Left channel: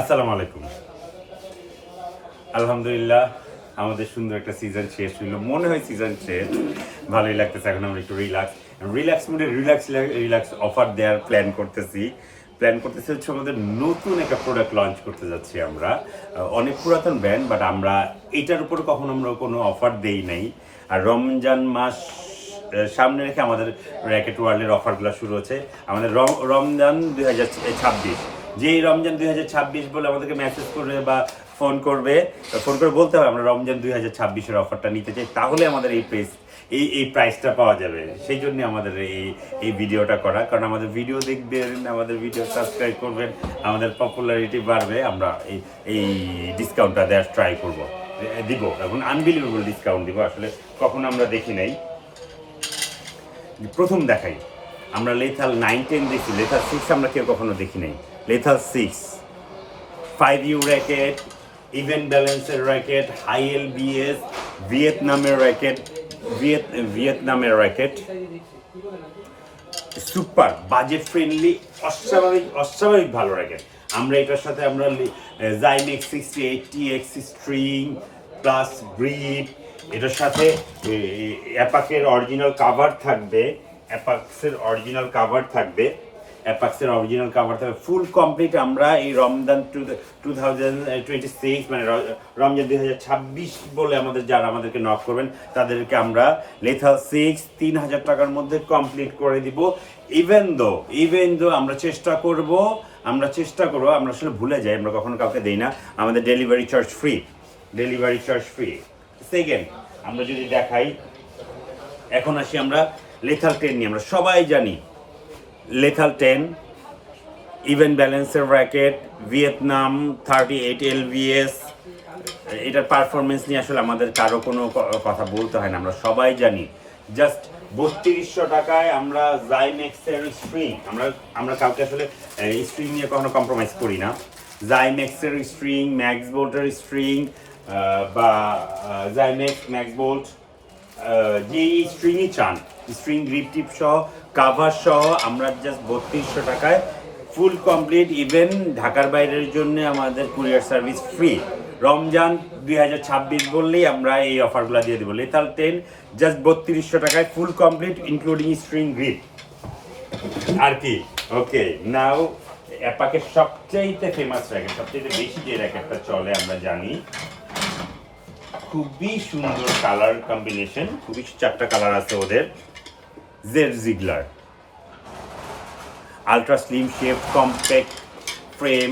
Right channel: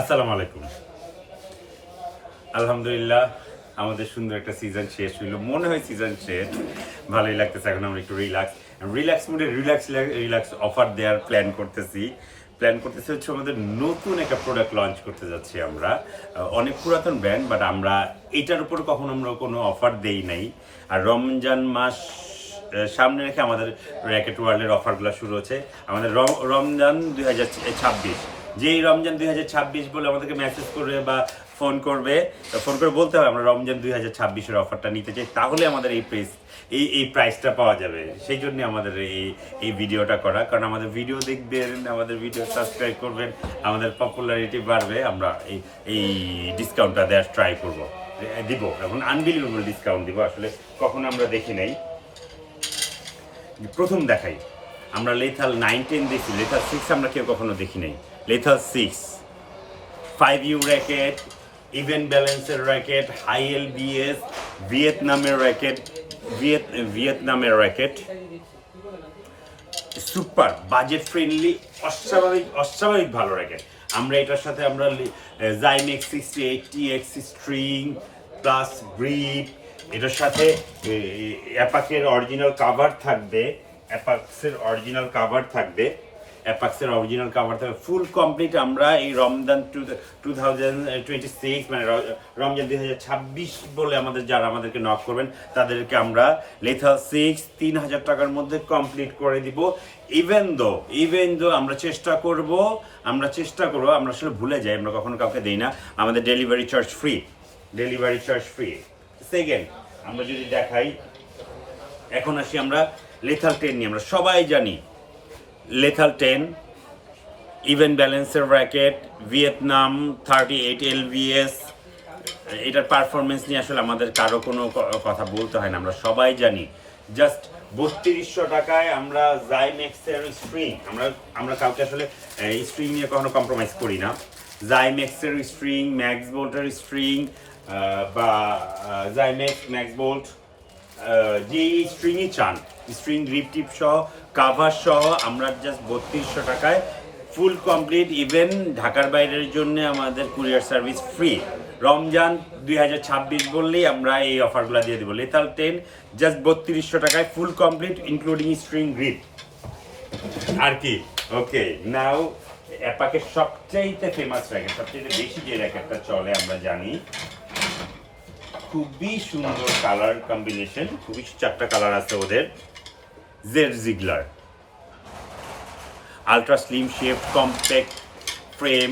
আসসালামু আলাইকুম। আলহামদুলিল্লাহ আমাদের সুন্দর একটা সিজন শেষ হইলো। মনে হয় সিজন শেষ। ভালোই লাগতেছে। এখন আমরা একটু রিল্যাক্স মুডে রিল্যাক্স অফার দেওয়ার প্ল্যান করতেছি হচ্ছে আমাদের নতুন একটা প্রোডাক্ট লঞ্চ করতে যাচ্ছি আমরা। অনেক পুরাতন ব্র্যান্ড বাট আমরা এটার উপর কখনো আমরা কোনো অফার দেই নাই। আর রমজান মাস সামনে রেখে আমাদের র্যাকেট ওয়ার্ল্ডের অফারগুলো শুরু হচ্ছে। আমাদের রমজান 2026, যেই রমজান 2026 বলে আমাদেরকে মেসেজ করবে বা ফোন করে বলতে হবে আমরা রমজান 2026-এর অফারটা নিতে চাই, তাহলে আমাদের এই প্রাইসটা পাওয়া যাবে। সেই জন্য আমাদের এই ভিডিওটা করা, কারণ আমাদের ভিডিও দেখবেন, আমাদের ভিডিও সাবস্ক্রাইব করবেন, আমাদের পপুলারিটি বাড়বে। আমরা এই ডিসকাউন্টটা দেওয়ার ট্রাই দিব। এখন আনবিলিভেবল ডিসকাউন্ট দিব, আসলে কখনো আমরা দেখি নাই। প্রথম দেখাই আমরা লেথাল 9-10 দেখি, লেথাল 6 আমরা কেউ কখনো দেখি নাই। লেথাল 6 5U র্যাকেট, ইভেন্ট ব্যালেন্সের র্যাকেট, হাই এলবিএস, ভিয়েতনামের র্যাকেট, সুপার বাজেট ফ্রেন্ডলি, অস্বাভাবিক ভালো র্যাকেট। আমরা এটার সাথে আমরা জাইমেক্স 6080 স্ট্রিং প্লাস গ্রিপ, এটার সাথে অ্যাপাক্সের অরিজিনাল কাভার থাকবে, ফুল কমপ্লিট। আমরা এই রমজান 2026 মানে রমজান 2026 বলে যারা আমাদেরকে নক করবেন তাদেরকে আমরা লেথাল 6 3000 টাকার মধ্যে কমপ্লিট করে দিব। ইভেন দো আমরা চেষ্টা করব, আমরা আসলে ভুলে যাই, আমরা কখনো কাউকে দেই না। আমাদের ডেলিভারি চার্জ ফ্রি। সেকেন্ড আমরা যদি দেখাই, এখন আসি আমরা লেথাল 10 নিয়ে। আমরা সবাই জানি লেথাল 10 ইভেন্ট ব্যালেন্সের র্যাকেট, ভিয়েতনাম 38 এলভিএস। এটার পারফরমেন্স নিয়ে আসলে আমাদের কারো কোনো কথা বলতে হয় না, আমরা সবাই জানি। জাস্ট 3200 টাকায় আমরা জাইমেক্সের স্ট্রিং, আমরা কাউকে আসলে স্ট্রিং নিয়ে কখনো কম্প্রোমাইজ করি না। জাইমেক্সের স্ট্রিং, ম্যাক্স বোল্টের স্ট্রিং বা জাইমেক্স ম্যাক্স বোল্ট, যে স্ট্রিংই চান, স্ট্রিং গ্রিপ টিপ সহ কাভার সহ আমরা জাস্ট 3200 টাকায় ফুল কমপ্লিট। ইভেন ঢাকার বাইরের জন্য আমাদের কুরিয়ার সার্ভিস ফ্রি। রমজান 2026 বললেই আমরা এই অফারগুলো দিয়ে দেবো। লেথাল 10 জাস্ট 3200 টাকায় full complete including string grip. আর কি ওকে নাও অ্যাপাকের সবচেয়ে ফেমাস র্যাকেট, সবচেয়ে বেশি যে র্যাকেটটা চলে আমরা জানি, খুবই সুন্দর কালার কম্বিনেশন, খুবই 4টা কালার আছে ওদের। Z Ziggler ultra slim shape, compact frame,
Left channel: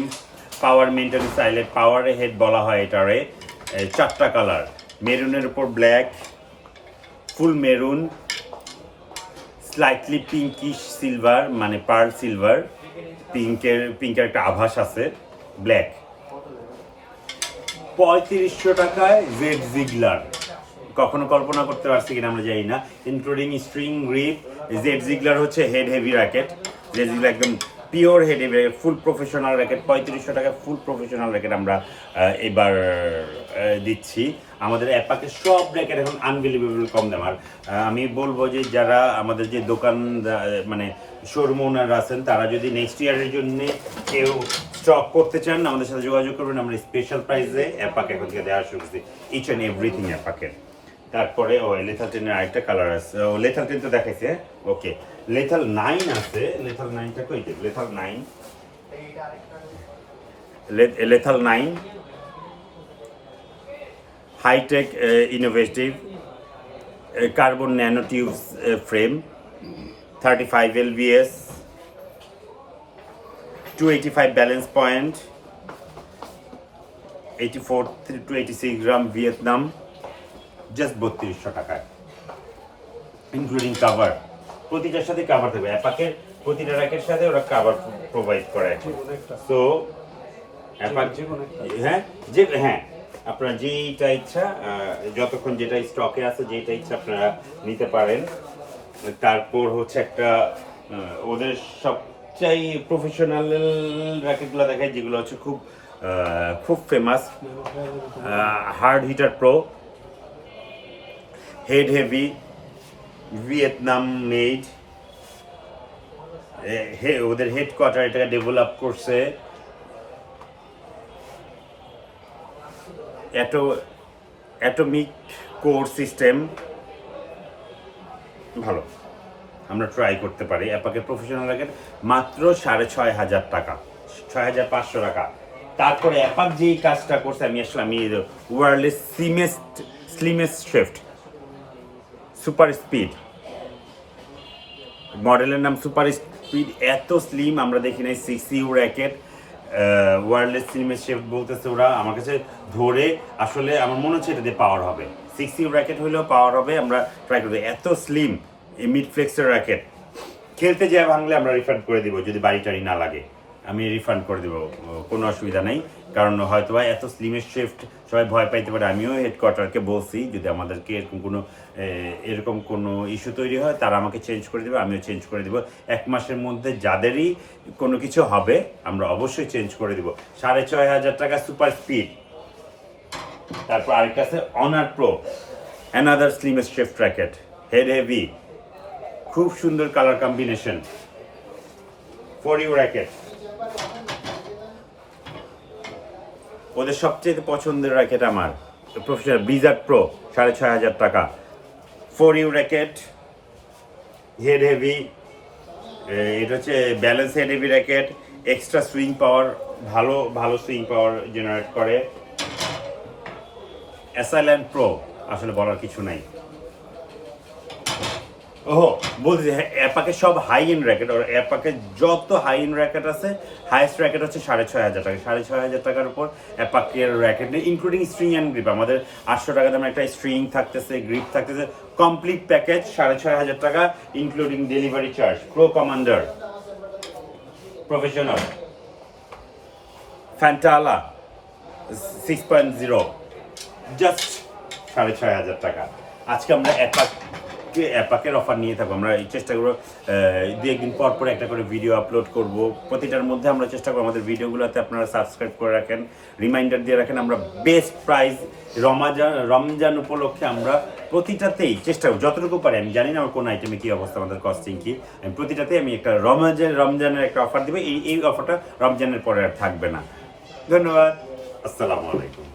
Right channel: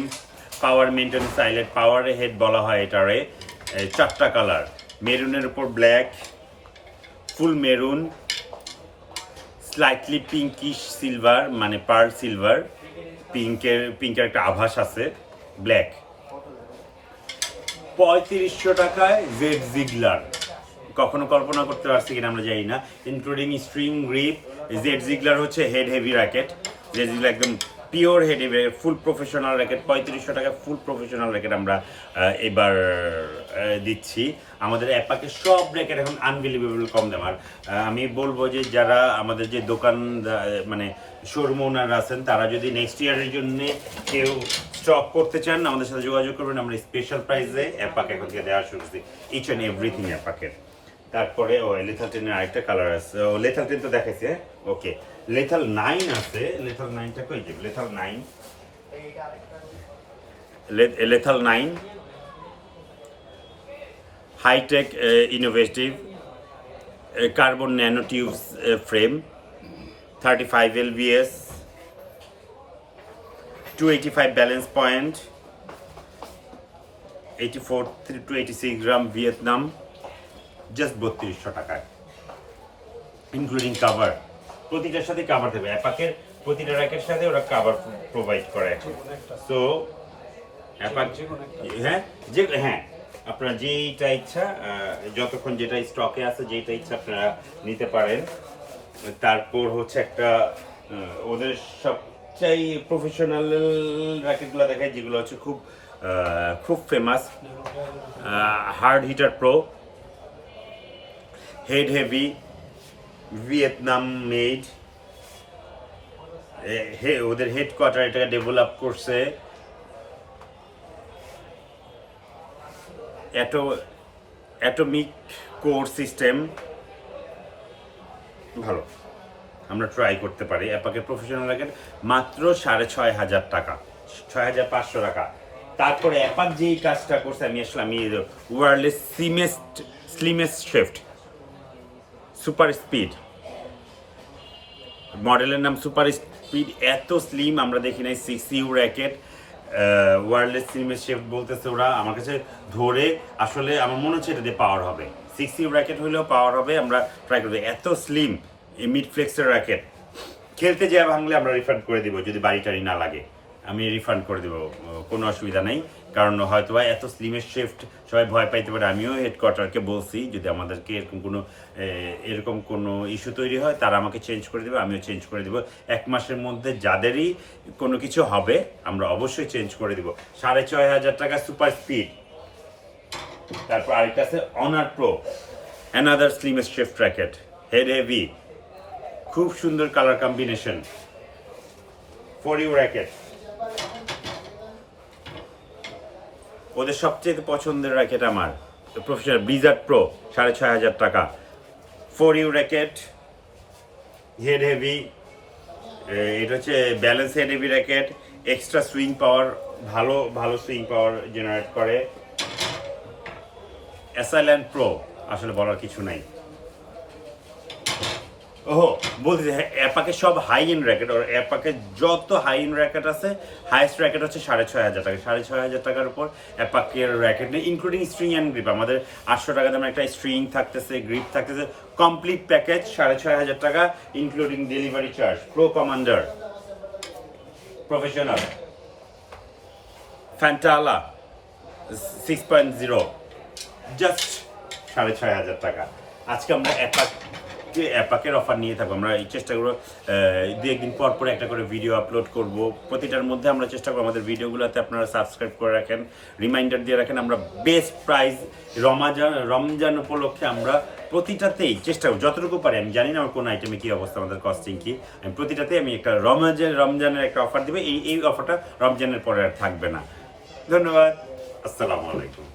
power maintenance eyelet, power head বলা হয় এটারে। 4টা কালার, মেরুনের উপর black, full maroon, slightly pinkish silver মানে পার্ল সিলভার, পিঙ্কের একটা আভাস আছে, ব্ল্যাক। 3500 টাকায় জেড জিগলার, কখনো কল্পনা করতে পারছি কিনা আমরা জানি না, ইনক্লুডিং স্ট্রিং গ্রিপ। জেড জিগলার হচ্ছে হেড হেভি র্যাকেট, জেড জিগলার একদম পিওর হেড হেভি ফুল প্রফেশনাল র্যাকেট। 3500 টাকা ফুল প্রফেশনাল র্যাকেট আমরা এবার দিচ্ছি। আমাদের অ্যাপাকের সব র্যাকেট এখন আনবিলিভেবল কম দাম। আর আমি বলবো যে যারা আমাদের যে দোকান মানে শোরুম ওনার আছেন, তারা যদি নেক্সট ইয়ারের জন্য কেউ স্টক করতে চান আমাদের সাথে যোগাযোগ করবেন। আমরা স্পেশাল প্রাইসে অ্যাপাক এখন থেকে দেওয়া শুরু করছি, ইচ অ্যান্ড এভরিথিং অ্যাপাকের। তারপরে লেথাল 10-এর আরেকটা কালার আছে, লেথাল 10 তো দেখাইছে। ওকে, লেথাল 9 আছে। লেথাল 9টা কই যে Lethal 9 high tech innovative carbon nano tubes frame, 35 lbs, 285 balance point, 84 to 86 gram, Vietnam, just 3200 টাকায় ইনক্লুডিং কাভার। প্রতিটার সাথে কাভার থাকবে, অ্যাপাকের প্রতিটা র্যাকের সাথে ওরা কাভার প্রোভাইড করে। তো অ্যাপাক হ্যাঁ আপনারা যেইটা ইচ্ছা, যতক্ষণ যেটা স্টকে আছে যেটা ইচ্ছা আপনারা নিতে পারেন। তারপর হচ্ছে একটা ওদের সবচাই প্রফেশনাল র্যাকেটগুলো দেখায়, যেগুলো হচ্ছে খুব famous. Hard hitter pro, head heavy, Vietnam made, ওদের হেডকোয়ার্টার এটাকে ডেভেলপ করছে। অ্যাটমিক কোর সিস্টেম ভালো, আমরা ট্রাই করতে পারি। অ্যাপাকের প্রফেশনাল র্যাকেট মাত্র 6,500 টাকা, 6,500 টাকা। তারপরে অ্যাপাক যেই কাজটা করছে, আমি ওয়ার্ল্ডের স্লিমেস্ট শিফট সুপার স্পিড, মডেলের নাম সুপার স্পিড, এত স্লিম আমরা দেখি নাই। 6U র্যাকেট, ওয়ার্ল্ডের স্লিমেস্ট শিফট বলতেছে ওরা, আমার কাছে ধরে আসলে আমার মনে হচ্ছে এটা দিয়ে পাওয়ার হবে। 6U র্যাকেট হইলেও পাওয়ার হবে, আমরা ট্রাই করবো। এত স্লিম এই মিড ফ্লেক্সের র্যাকেট, খেলতে যা ভাঙলে আমরা রিফান্ড করে দিব, যদি বাড়ি টাড়ি না লাগে আমি রিফান্ড করে দেবো, কোনো অসুবিধা নেই। কারণ হয়তো এত স্লিমের শিফট সবাই ভয় পাইতে পারে। আমিও হেডকোয়ার্টারকে বলছি যদি আমাদেরকে এরকম কোনো ইস্যু তৈরি হয় তারা আমাকে চেঞ্জ করে দেবে, আমিও চেঞ্জ করে দেবো। 1 মাসের মধ্যে যাদেরই কোনো কিছু হবে আমরা অবশ্যই চেঞ্জ করে দেবো। 6,500 টাকা সুপার স্পিড। তারপর আরেকটা আছে honour pro, another slimmest shift racket, head heavy, খুব সুন্দর কালার কম্বিনেশন, 4U র্যাকেট। ওদের সবচেয়ে পছন্দের র্যাকেট আমার প্রফেশনাল ব্লিজার্ড প্রো, 6,500 টাকা, 4U র্যাকেট, হেড হেভি। এটা হচ্ছে balance head heavy racket, extra swing power, ভালো সুইং পাওয়ার জেনারেট করে। অ্যাসাইল্যান্ড প্রো, আসলে বলার কিছু নাই। ওহো, বলছি অ্যাপাকে সব হাই এন্ড র্যাকেট, আর অ্যাপাকে যত হাই এন্ড র্যাকেট আছে হাইয়েস্ট র্যাকেট হচ্ছে 6,500 টাকা। 6,500 টাকার উপর অ্যাপাকের র্যাকেট নেই, ইনক্লুডিং স্ট্রিং অ্যান্ড গ্রিপ। আমাদের 800 টাকা দামের একটা স্ট্রিং থাকতেছে, গ্রিপ থাকতেছে, কমপ্লিট প্যাকেজ 6,500 টাকা, including delivery charge. Pro commander professional ফ্যান্টালা 6.0, জাস্ট 6,500 টাকা। আজকে আমরা অ্যাপাকের অফার নিয়ে থাকবো। আমরা এই চেষ্টা করবো 2-1 দিন পর পর একটা করে ভিডিও আপলোড করব। প্রতিটার মধ্যে আমরা চেষ্টা করবো আমাদের ভিডিওগুলোতে আপনারা সাবস্ক্রাইব করে রাখেন, রিমাইন্ডার দিয়ে রাখেন। আমরা বেস্ট প্রাইস রমজান উপলক্ষে আমরা প্রতিটাতেই চেষ্টা করব যতটুকু পারি। আমি জানি না আমার কোন আইটেমে কী অবস্থা, আমাদের কস্টিং কি, আমি প্রতিটাতেই আমি একটা রমজানের একটা অফার দেবো। এই অফারটা রমজানের পরে আর থাকবে না। ধন্যবাদ, আসসালামু আলাইকুম।